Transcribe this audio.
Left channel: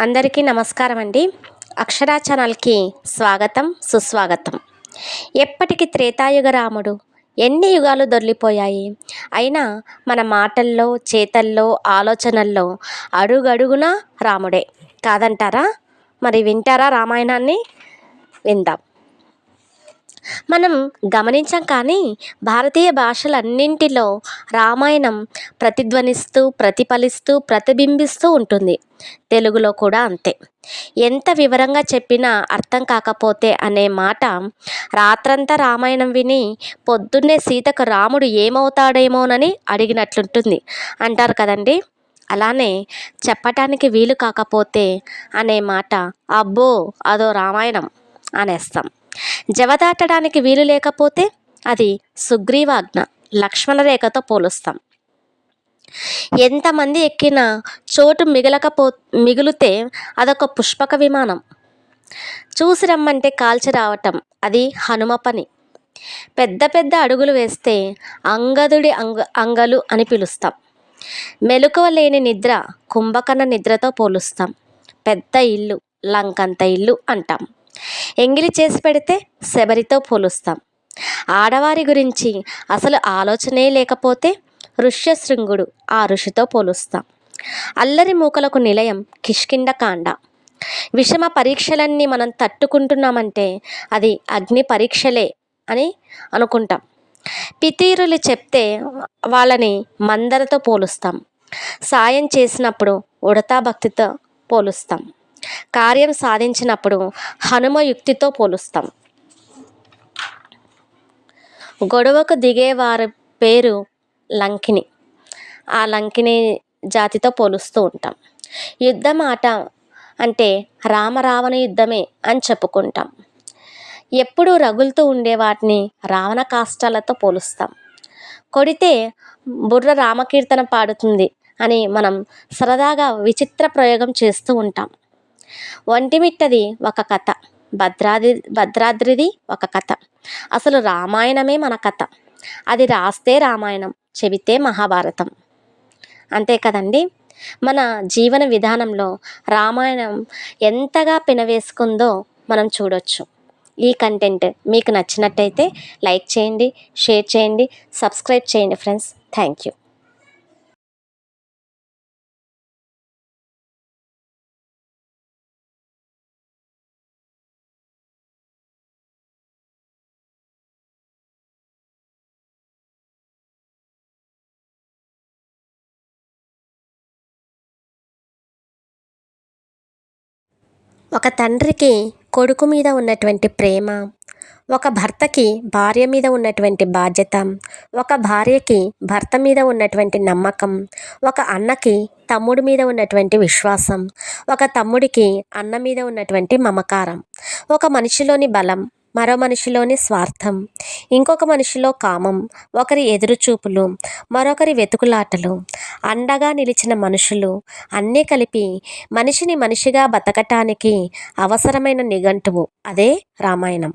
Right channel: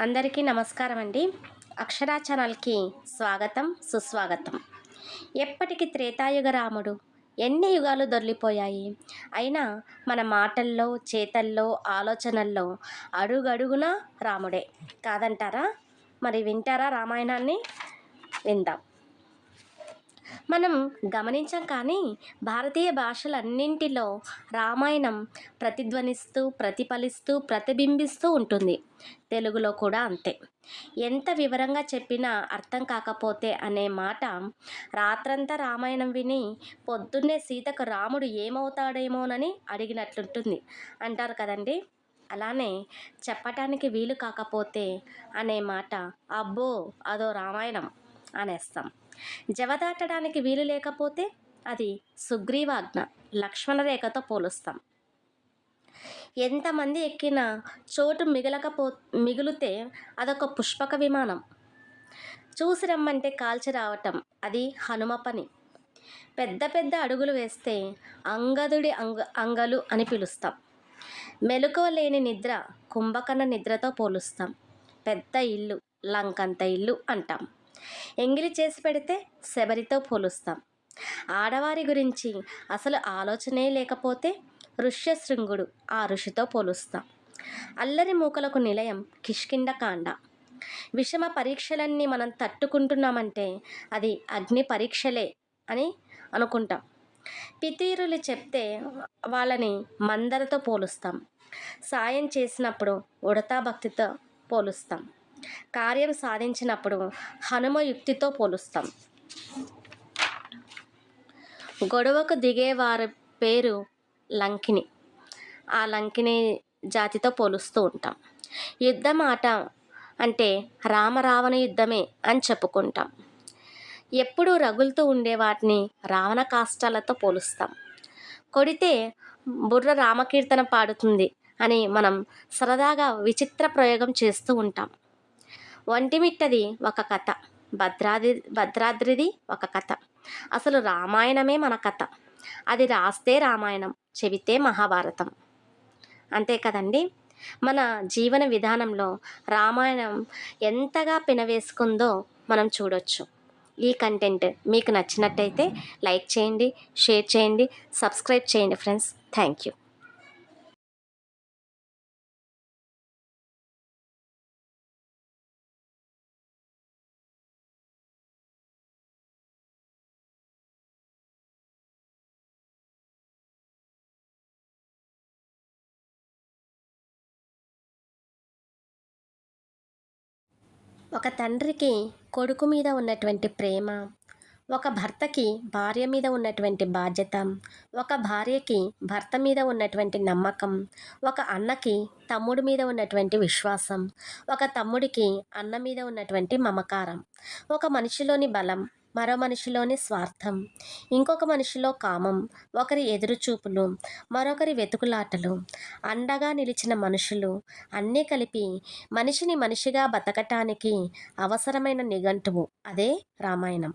అందరికీ నమస్కారం అండి. అక్షరా ఛానల్కి స్వాగతం సుస్వాగతం. ఎప్పటికి త్రేతాయుగ రాముడు, ఎన్ని యుగాలు దొర్లిపోయాయి, అయినా మన మాటల్లో చేతల్లో ఆలోచనల్లో అడుగడుగునా రాముడే కాదంటారా? మరి వింటారా రామాయణాన్ని? విందాం. మనం గమనించాం కానీ భారతీయ భాషలన్నింటిలో రామాయణం ప్రతిధ్వనిస్తూ ప్రతిఫలిస్తూ ప్రతిబింబిస్తూ ఉంటుంది. తెలుగులో కూడా అంతే. ఎంత వివరంగా చెప్పినా అర్థం కాకపోతే అనే మాట రాత్రంతా రామాయణం విని పొద్దున్నే సీతకు రాముడు ఏమవుతాడేమోనని అడిగినట్లుంటుంది అంటారు కదండి. అలానే చెప్పటానికి వీలు కాకపోతే అనే మాట అబ్బో అదో రామాయణం అనేస్తాం. జవదాటడానికి వీలు లేకపోతే అది సుగ్రీవాజ్ఞ లక్ష్మణ రేఖతో పోలుస్తాం. ఎంతమంది ఎక్కినా చోటు మిగిలితే అదొక పుష్పక విమానం. చూసి రమ్మంటే కాల్చి రావటం అది హనుమ పని. పెద్ద పెద్ద అడుగులు వేస్తే అంగదుడి అంగలు అని పిలుస్తాం. మెలకువ లేని నిద్ర కుంభకర్ణ నిద్రతో పోలుస్తాం. పెద్ద ఇల్లు లంకంత ఇల్లు అంటాం. ఎంగిలి చేసి పెడితే శబరితో పోలుస్తాం. ఆడవారి గురించి అసలు ఆలోచనే లేకపోతే ఋష్యశృంగుడు ఆ ఋషితో పోలుస్తాం. అల్లరి మూకలకు నిలయం కిష్కింధకాండ. విషమ పరీక్షలన్నీ మనం తట్టుకుంటున్నామంటే అది అగ్ని పరీక్షలే అని అనుకుంటాం. పితీరులు చెప్తే వాళ్ళని మందరతో పోలుస్తాం. సాయం చేసినప్పుడు ఉడతా భక్తితో పోలుస్తాం. కార్యం సాధించినప్పుడు హనుమ యుక్తితో పోలుస్తాం. గొడవకు దిగేవారి పేరు లంకిని. ఆ లంకిని జాతితో పోలుస్తూ ఉంటాం. యుద్ధం ఆట అంటే రామరావణ యుద్ధమే అని చెప్పుకుంటాం. ఎప్పుడూ రగులుతూ ఉండే వాటిని రావణ కాష్టాలతో పోలుస్తాం. కొడితే బుర్ర రామకీర్తన పాడుతుంది అని మనం సరదాగా విచిత్ర ప్రయోగం చేస్తూ ఉంటాం. ఒంటిమిట్టది ఒక కథ, భద్రాద్రిది ఒక కథ. అసలు రామాయణమే మన కథ. అది రాస్తే రామాయణం, చెబితే మహాభారతం. అంతే కదండి. మన జీవన విధానంలో రామాయణం ఎంతగా పెనవేసుకుందో మనం చూడొచ్చు. ఈ కంటెంట్ మీకు నచ్చినట్టయితే లైక్ చేయండి, షేర్ చేయండి, సబ్స్క్రైబ్ చేయండి ఫ్రెండ్స్. Thank you. ఒక తండ్రికి కొడుకు మీద ఉన్నటువంటి ప్రేమ, ఒక భర్తకి భార్య మీద ఉన్నటువంటి బాధ్యత, ఒక భార్యకి భర్త మీద ఉన్నటువంటి నమ్మకం, ఒక అన్నకి తమ్ముడి మీద ఉన్నటువంటి విశ్వాసం, ఒక తమ్ముడికి అన్న మీద ఉన్నటువంటి మమకారం, ఒక మనిషిలోని బలం, మరో మనిషిలోని స్వార్థం, ఇంకొక మనిషిలో కామం, ఒకరి ఎదురుచూపులు, మరొకరి వెతుకులాటలు, అండగా నిలిచిన మనుషులు అన్నీ కలిపి మనిషిని మనిషిగా బతకటానికి అవసరమైన నిఘంటువు అదే రామాయణం.